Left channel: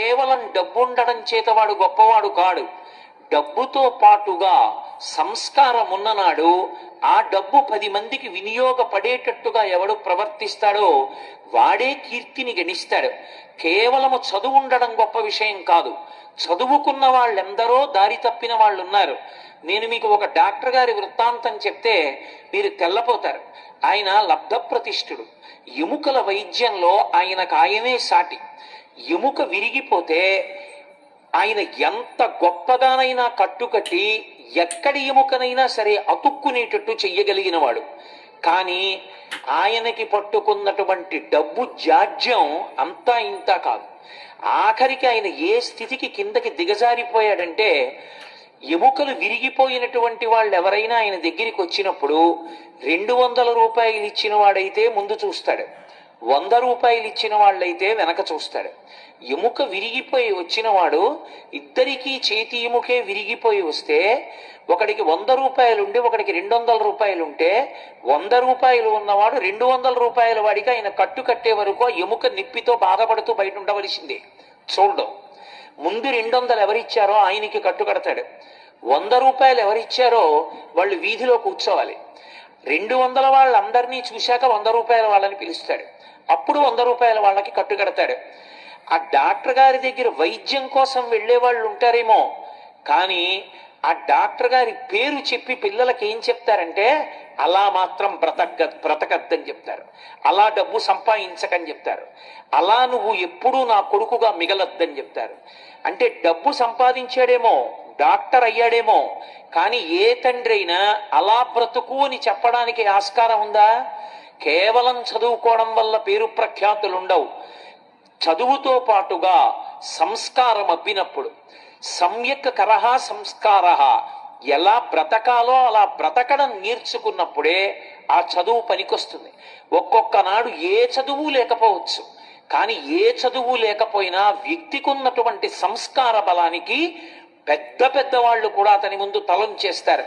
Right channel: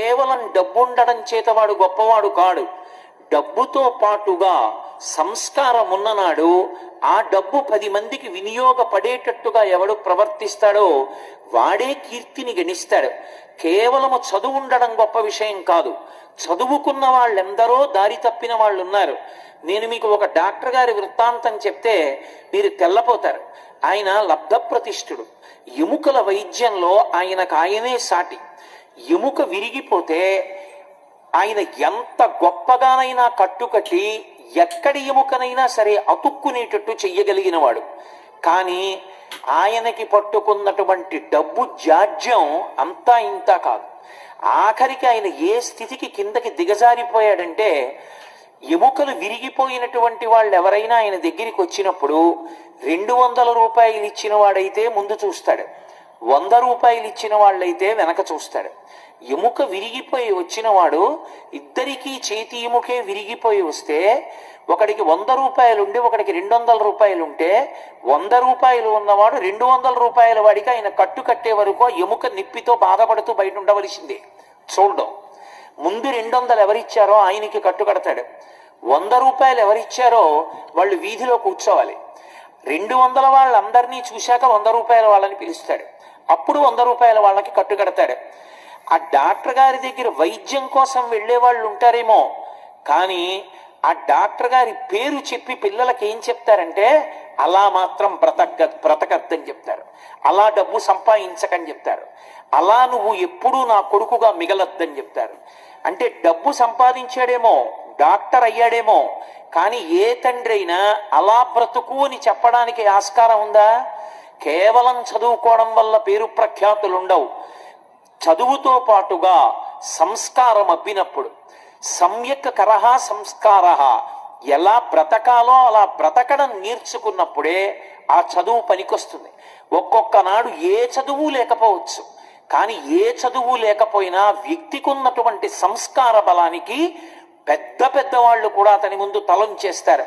కేవలం డబ్బుండడం చేత వాడు గొప్పవాడు కాడు. డబ్బుతో పాటుగా సంస్కారం ఉన్ననాడు ఆ డబ్బు 10 మందికి వినియోగపడేటట్టుగా ఎవడు ప్రవర్తిస్తాడో వాడే కీర్తిని గణిస్తాడు. కేవలము చదువు ఉండడం గొప్ప విషయం కాదు. చదువుకున్న వాళ్ళెందరో దారి తప్పిన వాళ్ళు ఉన్నారు. నేను మీకు ఒక డాక్టర్ గారి వృత్తాంతం చెప్తే మీరు తెల్లపోతారు. ఆయన లబ్ధప్రతిష్ఠుడు. ఎముకల వైద్యంలో ఆయనకు సాటి. ఎముక విరిగిపోతే ఆయన ఎంత గొప్పగానైనా కట్టుకట్టి ఎక్కడి ఎముకనైనా సరే అతుక్కునేటట్టు చెయ్యగలిగిన వాడు. కానీ ఆయనకి పట్టుకున్నటువంటి డబ్బు జాడ్యం అంతా ఇంతా కాదు. ఆఖరికి ఆయన ఏ స్థితికి కిందకి దిగజారిపోయాడంటే, ఎముకలు విరిగిపోయినటువంటి వాళ్ళు ఎవరైనా ఆయన దగ్గరికి వచ్చినప్పుడు 200 రూపాయలు ఇచ్చిన వాడైతే ముందు చూస్తాడు, 100 రూపాయలు ఇచ్చిన వాళ్ళైతే వెనక చూస్తాడు. ఎముక విరిగిపోయి వచ్చిన వాడు ఇద్దరికీ చేతి ఎముకే విరిగిపోయి వస్తే ఒకడికి 100 రూపాయలు ఉండి ఒకడికి 200 రూపాయలు ఉంటే 100 రూపాయలు ఉన్నవాడు 200 రూపాయల వాడికి ఆయన కట్టు కట్టే వరకు ఎముక నిప్పితో బాధపడుతూ బయట ఉండవలసిందే. చూడడం ముందు 200 ఎవరిచ్చారో ఆయనకి కట్టు కడతాడు. 100 రూపాయలు ఎవరిచ్చారో వాళ్ళు వీధిలో కూర్చోవాలి. 200 వాళ్ళందరినీ చూశాక 100 రూపాయల వాళ్ళని పిలుస్తాడు. అప్పుడు 100 రూపాయల వాళ్ళకి కట్టు కడతాడు. ఆ డాక్టర్ గారి దగ్గర వైద్యం కోసం వెళ్లే వాళ్ళు ఉంటారేమో, కానీ ఆ డాక్టర్ గారి పేరు చెప్పి పిల్లలకి ఏం చెప్తారంటే, అలా మాత్రం బ్రతకద్దని చెప్తారు, అలా డబ్బు సంపాదించకని చెప్తారు, అలా నువ్వు ఎప్పుడూ నా కొడుకుగా మిగలొద్దని చెప్తారు. అంటే డబ్బు సంపాదించాడేమో, డాక్టర్ అయ్యాడేమో, కానీ ఏ తండ్రి అయినా అలా బ్రతుకు అని చెప్పడానికి ఆస్కారం ఉందా? కేవలం చదువుకోవడం వల్ల పేరు ప్రఖ్యాతులు ఉండవు. చదువుతో పాటుగా సంస్కారం అబ్బినప్పుడు, సమ్యక్ కరహ సంస్కార, ఎలా బ్రతకాలో అలా బ్రతకడం నేర్చుకున్నప్పుడే ఆ చదువు పనికొస్తుంది. ఒక్కొక్క నాడు ఏ చదువు లేకపోవచ్చు, కానీ ఏ చదువు లేకపోయినా వ్యక్తికి ఉన్నటువంటి సంస్కార బలానికి పెద్ద పెద్ద వాళ్ళు కూడా అతని ముందు తలంచేస్తారు.